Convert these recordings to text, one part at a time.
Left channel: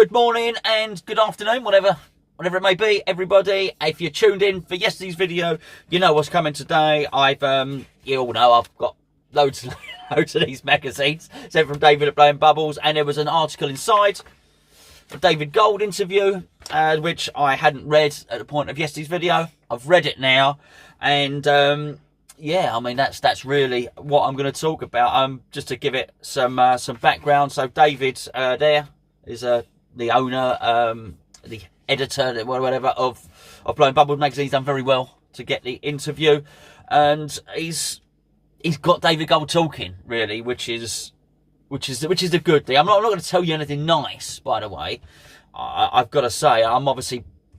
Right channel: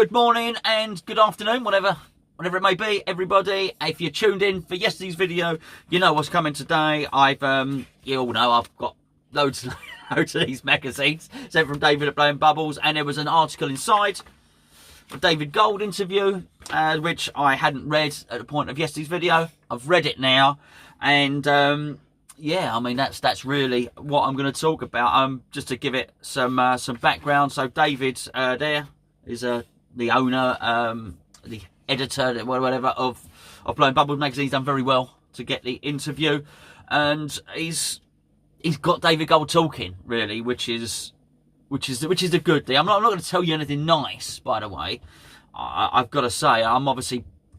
Good morning and good afternoon, whatever it may be, everybody. If you're tuned in for yesterday's video, you know what's coming today. You all know I've got loads of these magazines sent from David at Blowing Bubbles, and there was an article inside, a David Gold interview, which I hadn't read at the point of yesterday's video. I've read it now, and yeah, I mean that's really what I'm going to talk about. Just to give it some background. So David there is the owner, the editor, whatever, of Blowing Bubbles magazine. He's done very well to get the interview, and he's got David Gold talking, really, which is the good thing. I'm not going to tell you anything nice, by the way. I've got to say,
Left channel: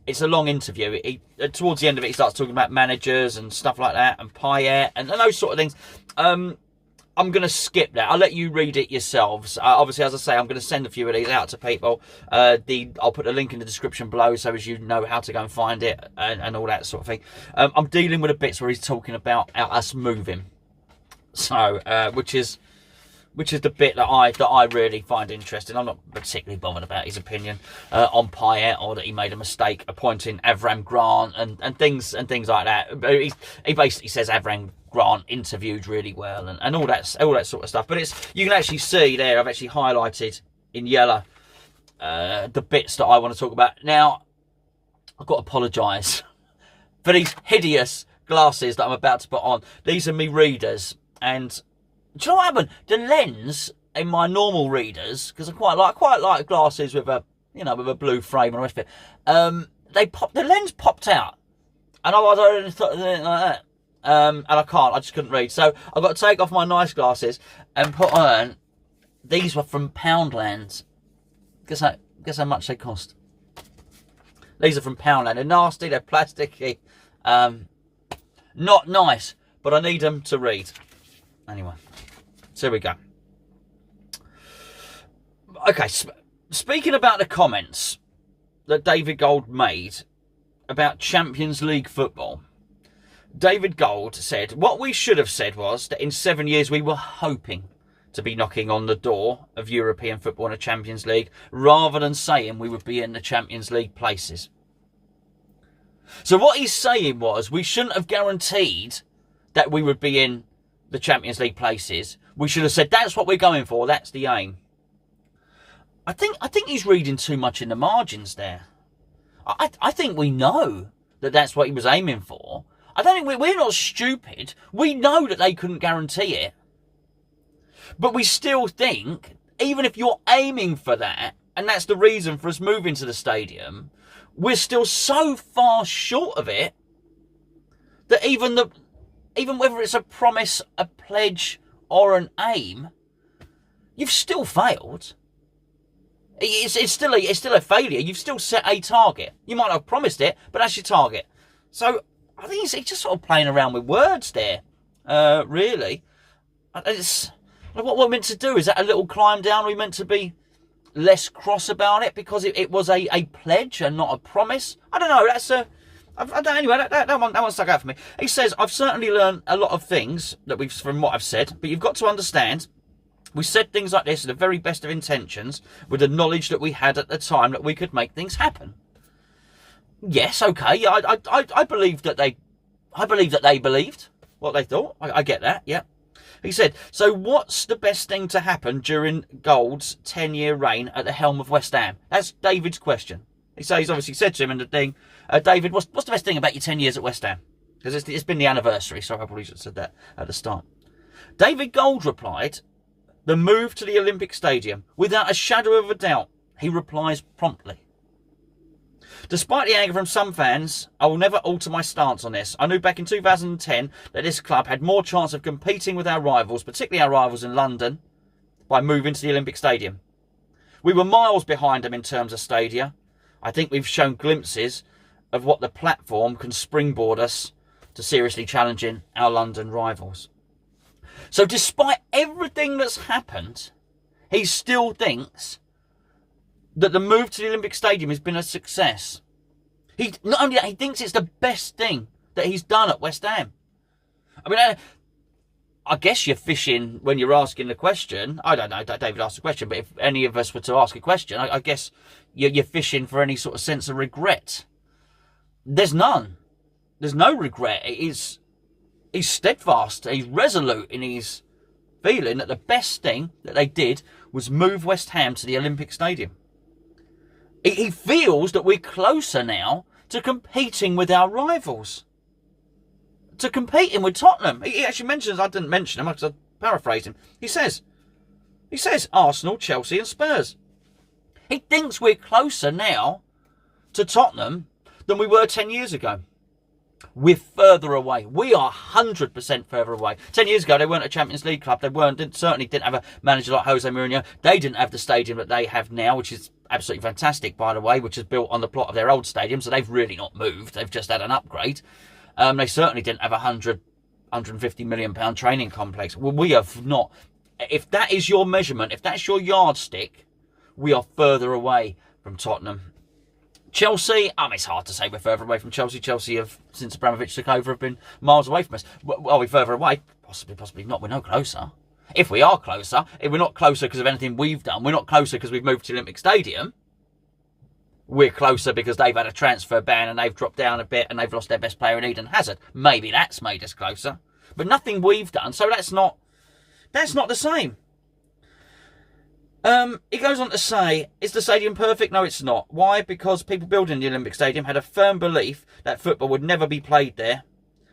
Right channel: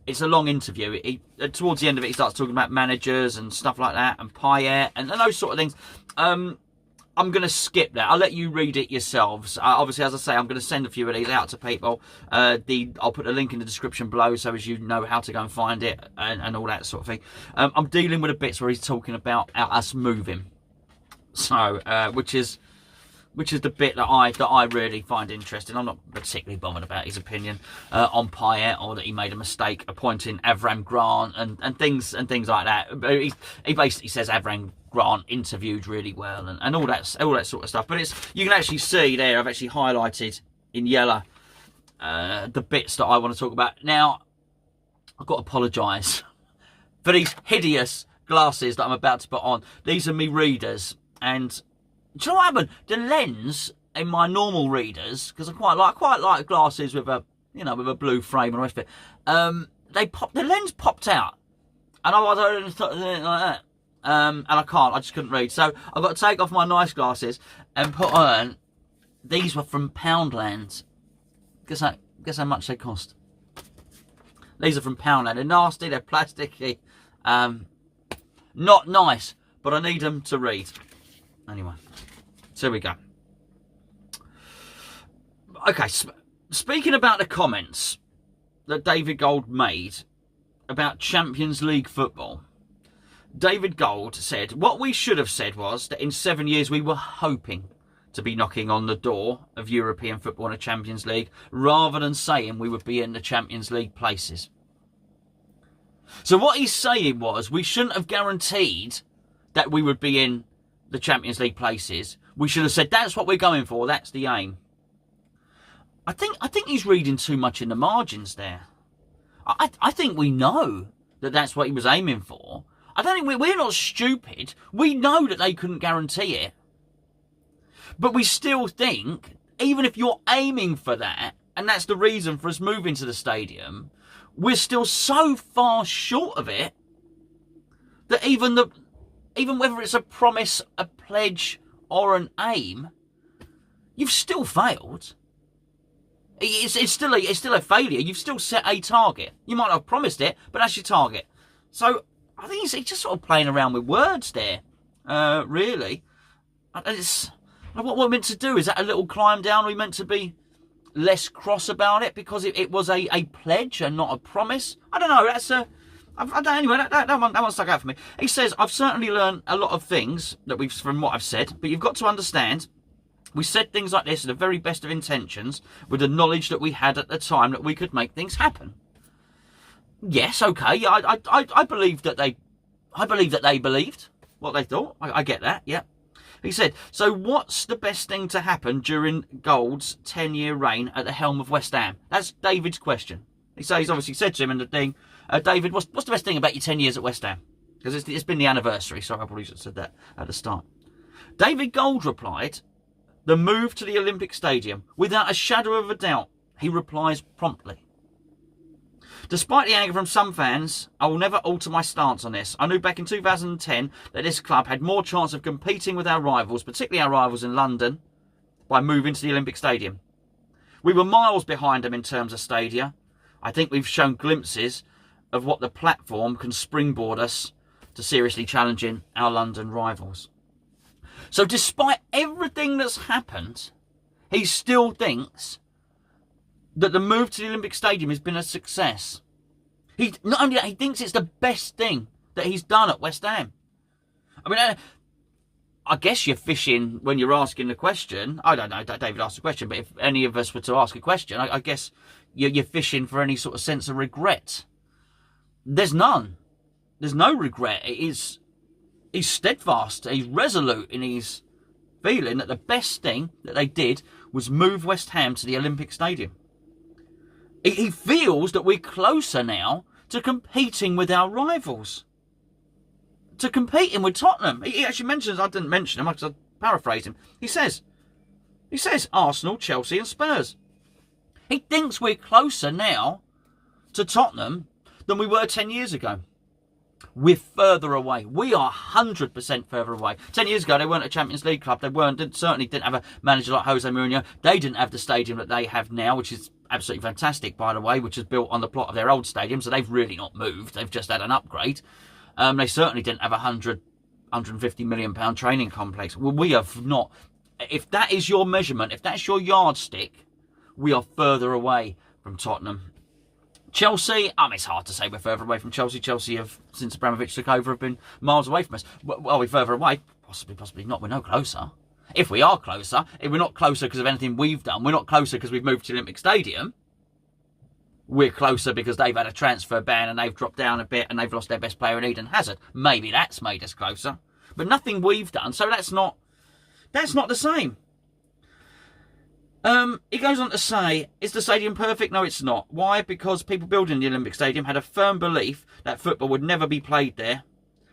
it's a long interview. Towards the end of it, he starts talking about managers and stuff like that, and Payet and those sort of things. I'm going to skip that. I'll let you read it yourselves. Obviously, as I say, I'm going to send a few of these out to people. I'll put a link in the description below so as you know how to go and find it and all that sort of thing. I'm dealing with the bits where he's talking about us moving. So, which is the bit that I really find interesting. I'm not particularly bothered about his opinion on Payet, or that he made a mistake appointing Avram Grant and things like that. He basically says Avram Grant interviewed really well and all that sort of stuff. But you can actually see there, I've actually highlighted in yellow the bits that I want to talk about. Now, I've got to apologise for these hideous glasses that I'm about to put on. These are me readers, and do you know what happened? The lens in my normal readers, because I quite like glasses with a blue frame and the rest of it. The lens popped out, and I thought like that. And I just couldn't read. So I've got to take off my nice glasses and put on. These were from Poundland. Guess how much they cost. These are from Poundland. They're nasty. They're plasticky. Not nice, but I need them to read. Anyway, so here we go. Okay, speaking about the comments that David Gold made about Champions League football, David Gold said, what we should have said was that in 7 years we were hoping to be knocking on the door of European football and a Champions League, rather than saying we would be in the Champions League places. So what he's saying was, we shouldn't have guaranteed that we would be in the Champions League places. We should have said, that's what we're going for, that's the aim. I think he's reading too much in the margins there. I think we know that that's what he was aiming for. I don't think we're not stupid. We know that they couldn't guarantee it. But we still think, even if you're aiming for that, and that's the reason for us moving to the stadium, we're still so far short of it that even whether it's a promise, a pledge, or an aim, you've still failed. It's still a failure. You've still set a target. You might not have promised it, but that's your target. So I think he's just sort of playing around with words there, really. What we're meant to do, is that a little climb down? Are we meant to be less cross about it because it was a pledge and not a promise? I don't know. Anyway, that one stuck out for me. He says, I've certainly learned a lot of things from what I've said, but you've got to understand, we said things like this in the very best of intentions, with the knowledge that we had at the time that we could make things happen. Yes, okay. I believe that they believed what they thought. I get that. Yeah. He said, so what's the best thing to happen during Gold's 10-year reign at the helm of West Ham? That's David's question. He's obviously said to him in the thing, David, what's the best thing about your 10 years at West Ham? Because it's been the anniversary, so I probably should have said that at the start. David Gold replied, the move to the Olympic Stadium, without a shadow of a doubt. He replies promptly. Despite the anger from some fans, I will never alter my stance on this. I knew back in 2010 that this club had more chance of competing with our rivals, particularly our rivals in London, by moving to the Olympic Stadium. We were miles behind them in terms of stadia. I think we've shown glimpses of what the platform can springboard us to seriously challenging our London rivals. So despite everything that's happened, he still thinks that the move to the Olympic Stadium has been a success. Not only that, he thinks it's the best thing that he's done at West Ham. I mean, I guess you're fishing when you're asking the question. I don't know, David asked a question, but if any of us were to ask a question, I guess you're fishing for any sort of sense of regret. There's none. There's no regret. He's steadfast. He's resolute in his feeling that the best thing that they did was move West Ham to the Olympic Stadium. He feels that we're closer now to competing with our rivals. To competing with Tottenham. He actually mentions, I didn't mention him because I paraphrased him. He says Arsenal, Chelsea and Spurs. He thinks we're closer now to Tottenham than we were 10 years ago. We're further away. We are 100% further away. 10 years ago, they weren't a Champions League club. They certainly didn't have a manager like Jose Mourinho. They didn't have the stadium that they have now, which is absolutely fantastic, by the way, which is built on the plot of their old stadium. So they've really not moved. They've just had an upgrade. They certainly didn't have a 150 million pound training complex. Well, we have not. If that is your measurement, if that's your yardstick, we are further away from Tottenham. Chelsea, it's hard to say we're further away from Chelsea. Chelsea have, since Abramovich took over, have been miles away from us. Are we further away? Possibly not. We're no closer. If we are closer, if we're not closer because of anything we've done, we're not closer because we've moved to the Olympic Stadium. We're closer because they've had a transfer ban and they've dropped down a bit and they've lost their best player in Eden Hazard. Maybe that's made us closer. But nothing we've done, so that's not the same. He goes on to say, is the stadium perfect? No, it's not. Why? Because people building the Olympic Stadium had a firm belief that football would never be played there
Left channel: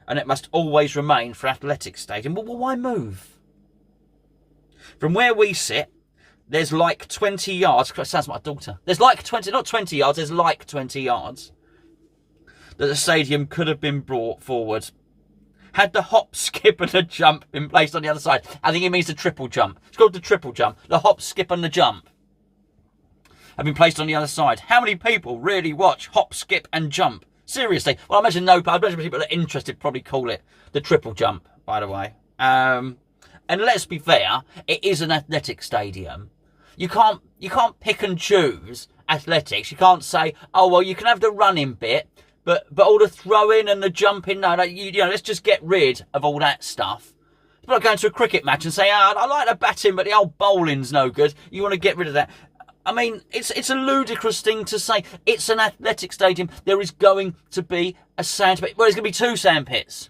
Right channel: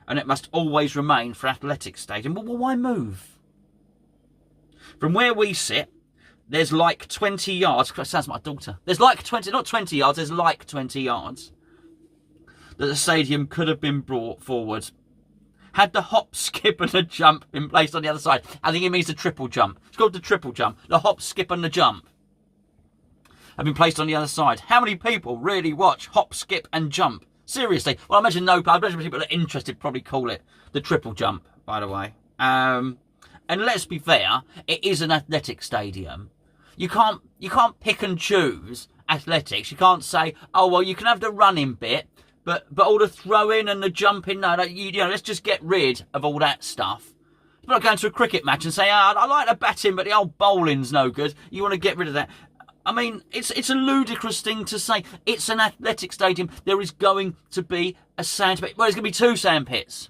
and it must always remain for athletics stadium. Well, why move? From where we sit, there's like 20 yards. That sounds like my daughter. There's like 20, not 20 yards, there's like 20 yards that the stadium could have been brought forward. Had the hop, skip and the jump been placed on the other side. I think it means the triple jump. It's called the triple jump. The hop, skip and the jump have been placed on the other side. How many people really watch hop, skip and jump? Seriously. Well, I imagine people that are interested probably call it the triple jump, by the way. And let's be fair, it is an athletic stadium. You can't pick and choose athletics. You can't say, oh, well, you can have the running bit, but all the throwing and the jumping, no, let's just get rid of all that stuff. It's like going to a cricket match and say, I like the batting, but the old bowling's no good. You want to get rid of that. I mean, it's a ludicrous thing to say. It's an athletic stadium. There is going to be a sand pit. Well, there's going to be 2 sand pits.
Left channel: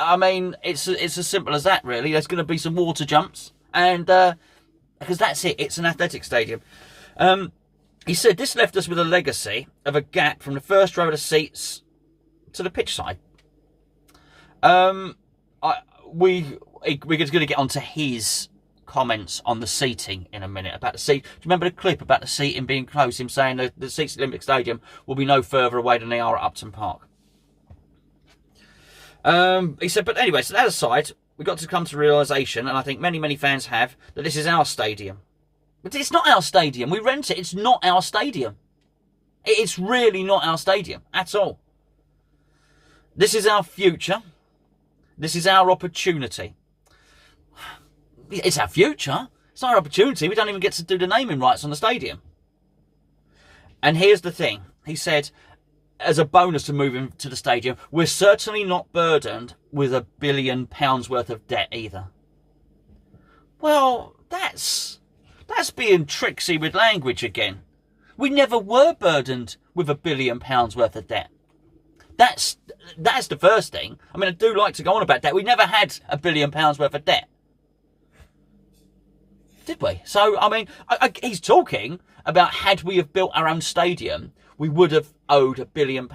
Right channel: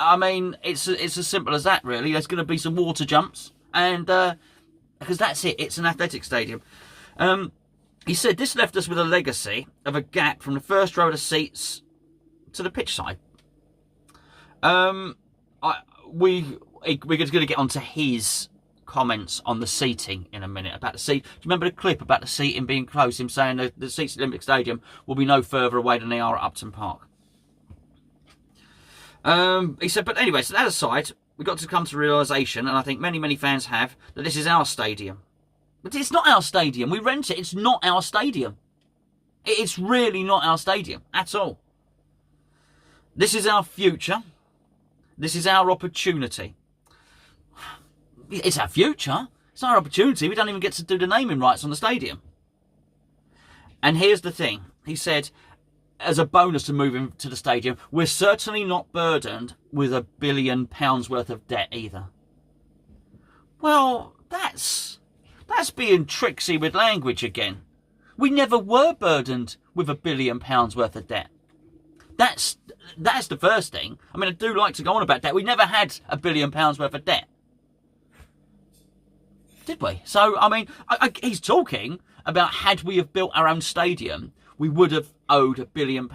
I mean, it's as simple as that, really. There's going to be some water jumps, and because that's it. It's an athletic stadium. He said this left us with a legacy of a gap from the first row of the seats to the pitch side. We're going to get onto his comments on the seating in a minute about the seat. Do you remember the clip about the seating being close? Him saying that the seats at the Olympic Stadium will be no further away than they are at Upton Park. He said, but anyway, so that aside, we've got to come to realisation, and I think many fans have, that this is our stadium. But it's not our stadium. We rent it. It's not our stadium. It's really not our stadium at all. This is our future. This is our opportunity. It's our future. It's our opportunity. We don't even get to do the naming rights on the stadium. And here's the thing. He said, as a bonus to moving to the stadium, we're certainly not burdened with £1 billion worth of debt either. Well, that's being tricksy with language again. We never were burdened with £1 billion worth of debt. That's the first thing. I mean, I do like to go on about that. We never had £1 billion worth of debt. Did we? So, I mean, he's talking about had we have built our own stadium, we would have owed £1 billion.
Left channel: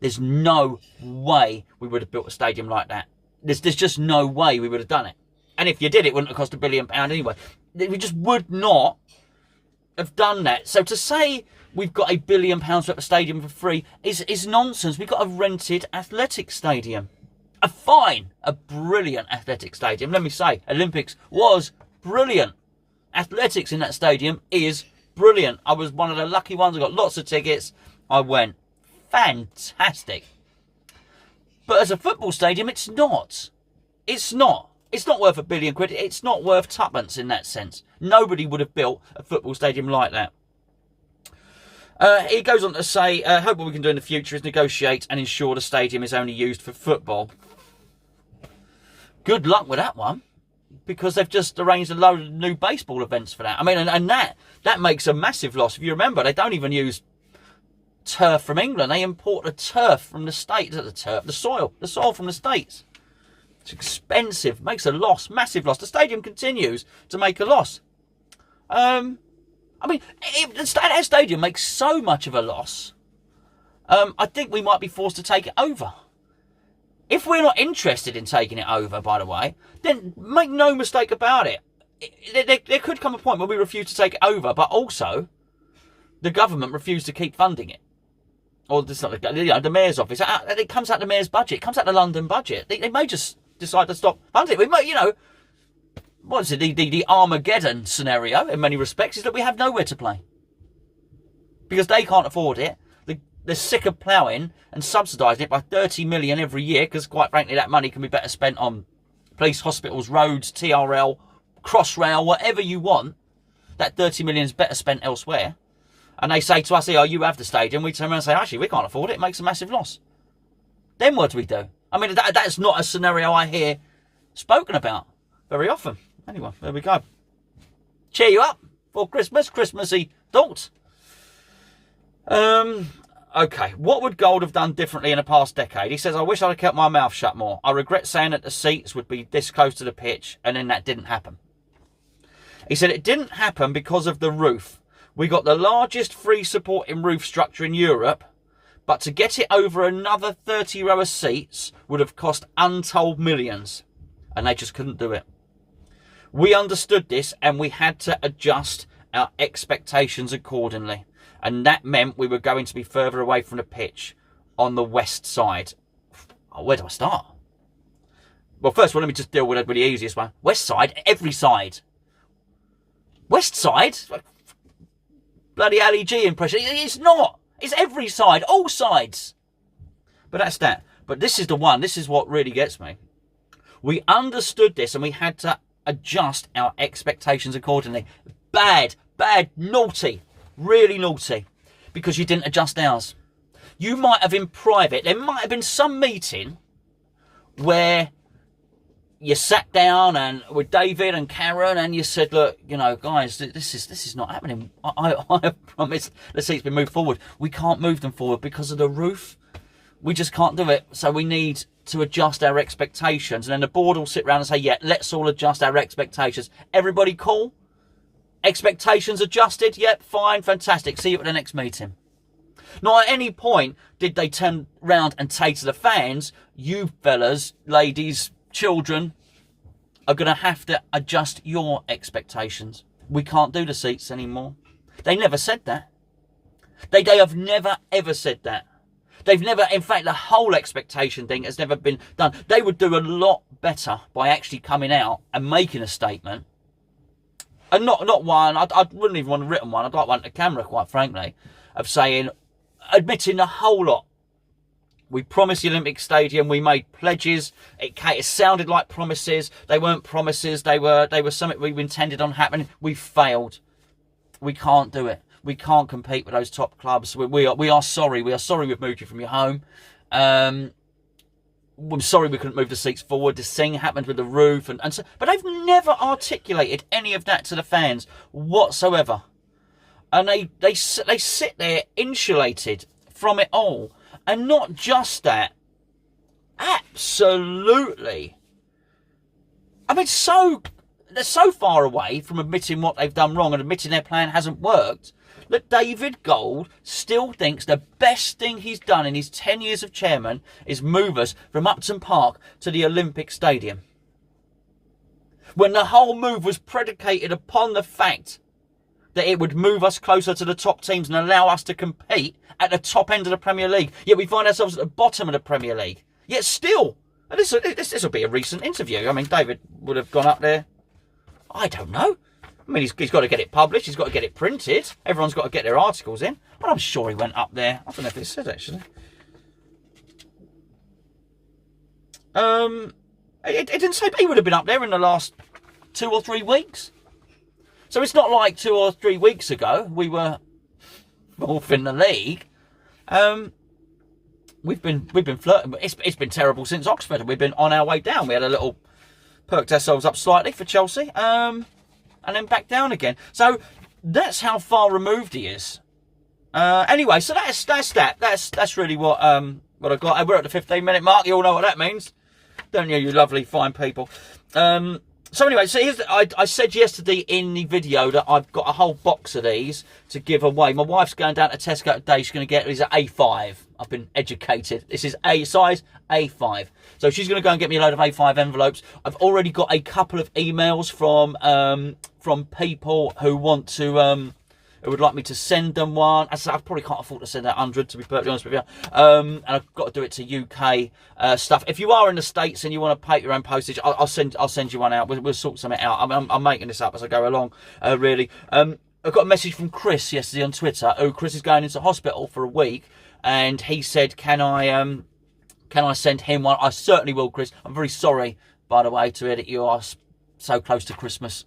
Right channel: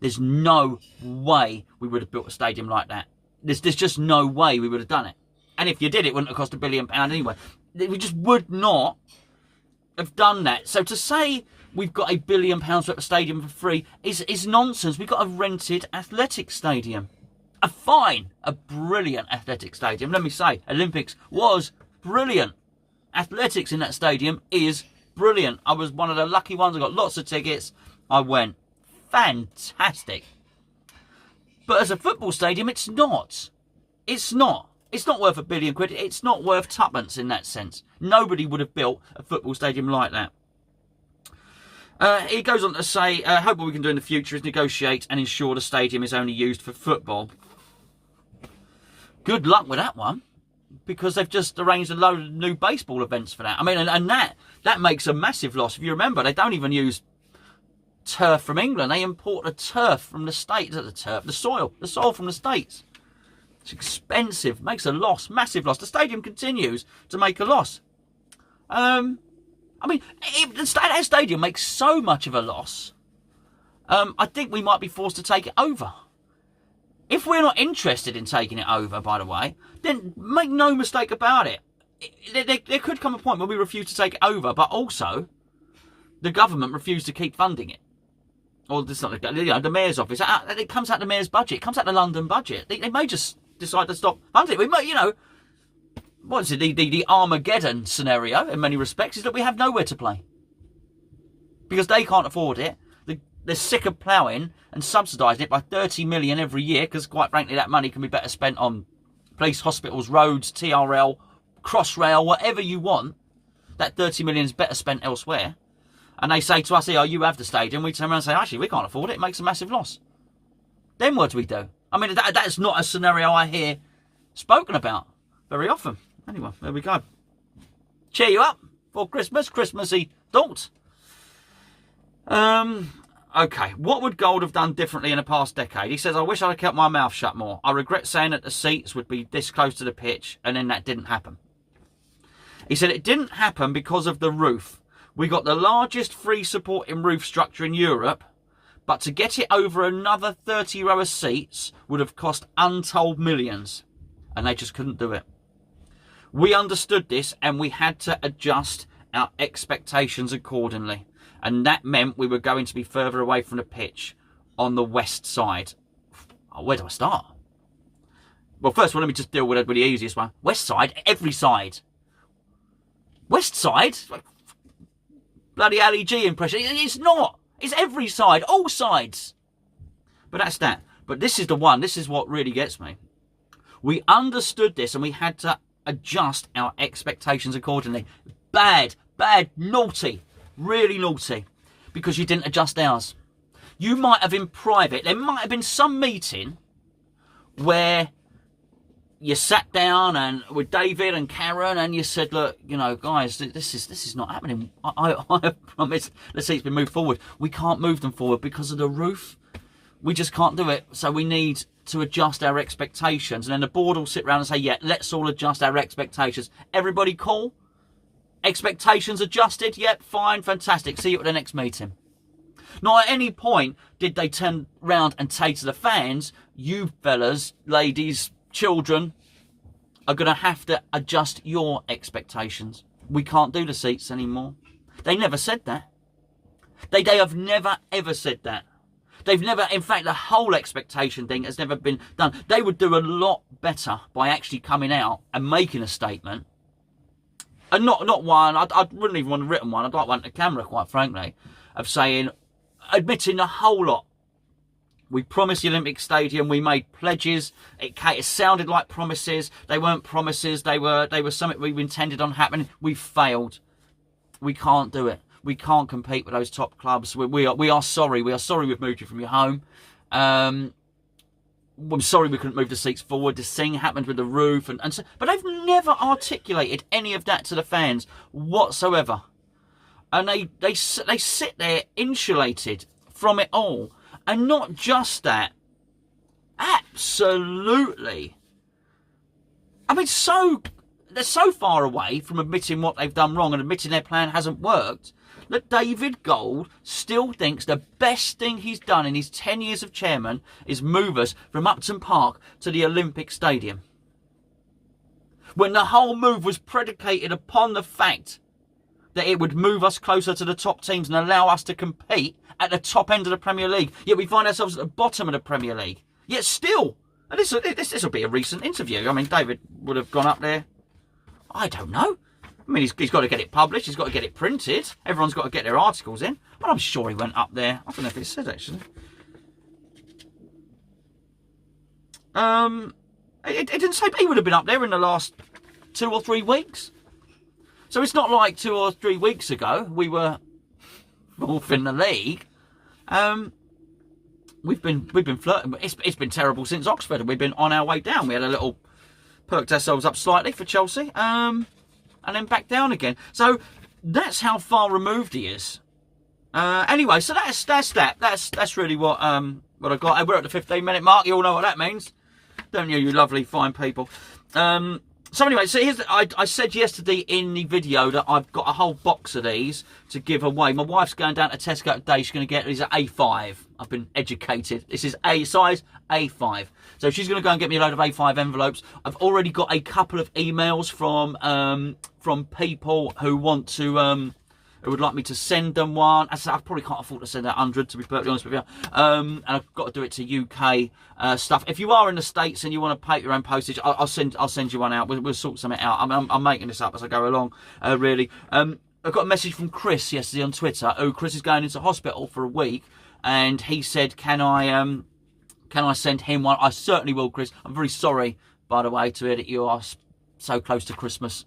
There's no way we would have built a stadium like that. There's just no way we would have done it. And if you did, it wouldn't have cost £1 billion anyway. We just would not have done that. So to say we've got £1 billion worth of stadium for free is nonsense. We've got a rented athletic stadium. A brilliant athletic stadium. Let me say, Olympics was brilliant. Athletics in that stadium is brilliant. I was one of the lucky ones. I got lots of tickets. I went. Fantastic. But as a football stadium, it's not. It's not. It's not worth £1 billion. It's not worth tuppence in that sense. Nobody would have built a football stadium like that. He goes on to say, hope what we can do in the future is negotiate and ensure the stadium is only used for football. Good luck with that one. because they've just arranged a load of new baseball events for that. I mean, and that makes a massive loss. If you remember, they don't even use turf from England. They import the turf from the States. The soil from the States. It's expensive, makes a loss, massive loss. The stadium continues to make a loss. I mean, that stadium makes so much of a loss. I think we might be forced to take it over. If we're not interested in taking it over, by the way, then make no mistake about it. There could come a point where we refuse to take it over, but also the government refused to keep funding it. Or it's not, the mayor's office. It comes out the mayor's budget. It comes out the London budget. They may just decide to stop funding it. We might, what is it? The Armageddon scenario, in many respects, is that we have nowhere to play because they can't afford it. They're sick of ploughing and subsidising it by 30 million every year because, quite frankly, that money can be better spent on police, hospitals, roads, TRL, Crossrail, whatever you want. That 30 million is better spent elsewhere. And they say to us, "Oh, you have the stadium." We turn around and say, "Actually, we can't afford it. It makes a massive loss." Then what do we do? I mean, that's not a scenario I hear spoken about very often. Anyway, there we go. Cheer you up for Christmas, Christmassy thoughts. Okay, what would Gold have done differently in the past decade? He says, "I wish I'd have kept my mouth shut more. I regret saying that the seats would be this close to the pitch, and then that didn't happen." He said, "It didn't happen because of the roof. We got the largest free supporting roof structure in Europe, but to get it over another 30 row of seats would have cost untold millions, and they just couldn't do it. We understood this, and we had to adjust our expectations accordingly. And that meant we were going to be further away from the pitch on the west side." Oh, where do I start? Well, first of all, let me just deal with the easiest one. West side, every side. West side? Bloody Ali G impression. It's not. It's every side, all sides. But that's that. But this is the one. This is what really gets me. We understood this and we had to adjust our expectations accordingly. Bad, naughty. Really naughty, because you didn't adjust ours. You might have in private, there might have been some meeting where you sat down and with David and Karen and you said, "Look, guys, this is not happening. I promise the seats been moved forward. We can't move them forward because of the roof. We just can't do it. So we need to adjust our expectations." And then the board will sit around and say, "Yeah, let's all adjust our expectations. Everybody cool? Expectations adjusted? Yep, fine, fantastic. See you at the next meeting." Not at any point did they turn round and say to the fans, "You fellas, ladies, children are going to have to adjust your expectations. We can't do the seats anymore." They never said that. They have never, ever said that. They've never, in fact, the whole expectation thing has never been done. They would do a lot better by actually coming out and making a statement. And not one, I wouldn't even want a written one, I'd like one to camera, quite frankly, of saying, admitting the whole lot. We promised the Olympic Stadium, we made pledges, it sounded like promises, they weren't promises, they were something we intended on happening, we failed. We can't do it. We can't compete with those top clubs. We are sorry we've moved you from your home. I'm sorry we couldn't move the seats forward. This thing happened with the roof. And so, but they've never articulated any of that to the fans whatsoever. And they sit there insulated from it all. And not just that. Absolutely. I mean, they're so far away from admitting what they've done wrong and admitting their plan hasn't worked that David Gold still thinks the best thing he's done in his 10 years of chairman is move us from Upton Park to the Olympic Stadium. When the whole move was predicated upon the fact that it would move us closer to the top teams and allow us to compete at the top end of the Premier League. Yet we find ourselves at the bottom of the Premier League. Yet still, and this will be a recent interview. I mean, David would have gone up there, I don't know. I mean, he's got to get it published. He's got to get it printed. Everyone's got to get their articles in. But I'm sure he went up there. I don't know if it says, actually. It didn't say, but he would have been up there in the last 2 or 3 weeks. So it's not like 2 or 3 weeks ago we were fourth in the league. We've been flirting. It's been terrible since Oxford. We've been on our way down. We had a little perked ourselves up slightly for Chelsea, and then back down again. So that's how far removed he is. Anyway, so that's that. That's really what I got. We're at the 15-minute mark. You all know what that means, don't you? You lovely, fine people. So anyway, so I said yesterday in the video that I've got a whole box of these to give away. My wife's going down to Tesco today. She's going to get these at A5. I've been educated. This is A size A5. So she's going to go and get me a load of A5 envelopes. I've already got a couple of emails from people who want to who would like me to send them one. I probably can't afford to send out 100, to be perfectly honest with you. And I've got to do it to UK stuff. If you are in the States and you want to pay your own postage, I'll send you one out. We'll sort something out. I'm making this up as I go along, really. I got a message from Chris yesterday on Twitter. Chris is going into hospital for a week, and he said, can I send him one? I certainly will, Chris. I'm very sorry, by the way, to hear that you are so close to Christmas.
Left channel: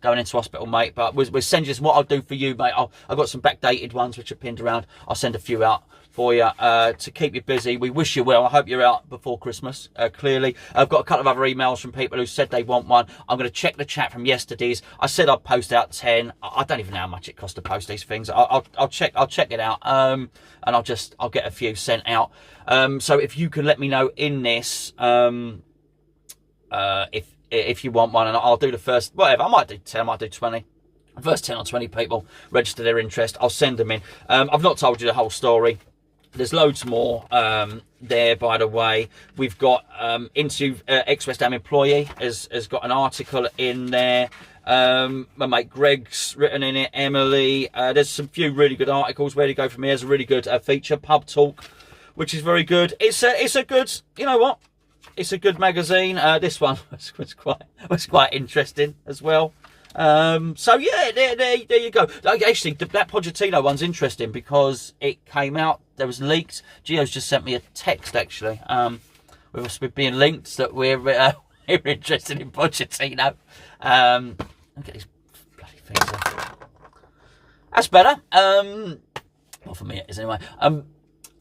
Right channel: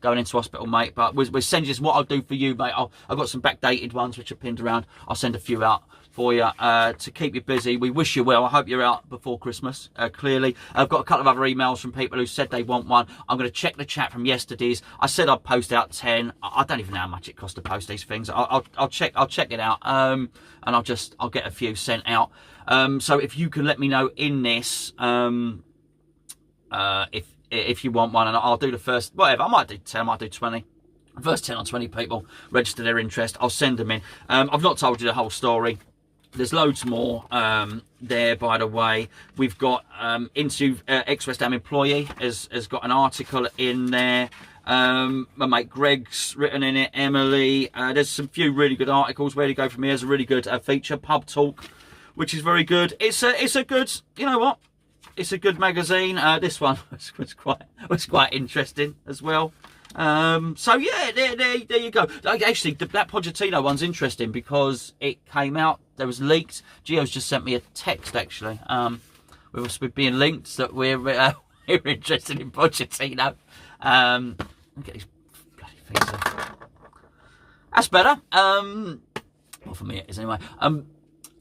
Going into hospital, mate, but we're sending you what I'll do for you, mate. I've got some backdated ones which are pinned around. I'll send a few out for you to keep you busy. We wish you well. I hope you're out before Christmas, clearly. I've got a couple of other emails from people who said they want one. I'm going to check the chat from yesterday's. I said I'd post out 10. I don't even know how much it costs to post these things. I'll check it out, and I'll get a few sent out. So if you can let me know in this, if you want one, and I'll do the first, whatever, I might do 10, I might do 20. First 10 or 20 people register their interest, I'll send them in. I've not told you the whole story. There's loads more there, by the way. We've got into ex-West Ham employee has got an article in there. My mate Greg's written in it, Emily. There's some few really good articles. Where to go from here is a really good feature, Pub Talk, which is very good. It's a good, you know what? It's a good magazine. This one was quite interesting as well. So yeah, there you go. Actually, that Pochettino one's interesting because it came out. There was leaked. Gio's just sent me a text actually. We've been linked that we're interested in Pochettino. Look at these bloody things. That's better. Well, for me it is anyway.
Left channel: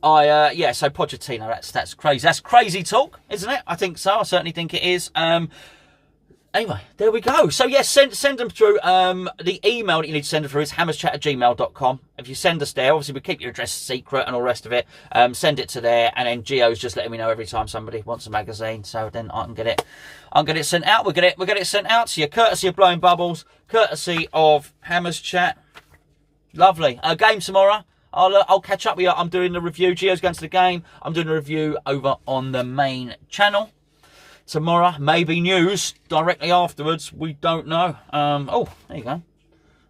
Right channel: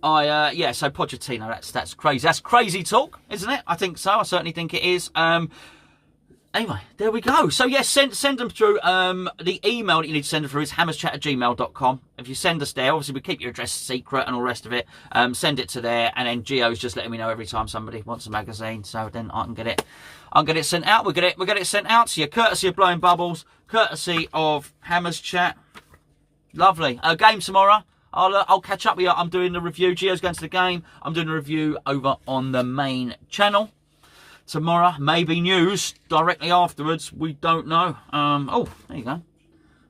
Yeah, so Pochettino, that's crazy. That's crazy talk, isn't it? I think so. I certainly think it is. Anyway, there we go. So, yes, send them through. The email that you need to send them through is hammerschat@gmail.com. If you send us there, obviously we keep your address secret and all the rest of it. Send it to there, and then Gio's just letting me know every time somebody wants a magazine, so then I can get it sent out. We'll get it sent out to you, courtesy of Blowing Bubbles, courtesy of Hammer's Chat. Lovely. Game tomorrow. I'll catch up with you. I'm doing the review. Gio's going to the game. I'm doing a review over on the main channel tomorrow. Maybe news directly afterwards. We don't know. Oh, there you go.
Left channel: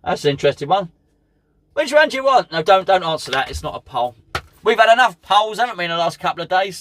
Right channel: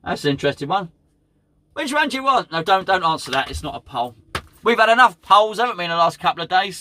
That's an interesting one. Which one do you want? No, don't answer that. It's not a poll. We've had enough polls, haven't we, in the last couple of days?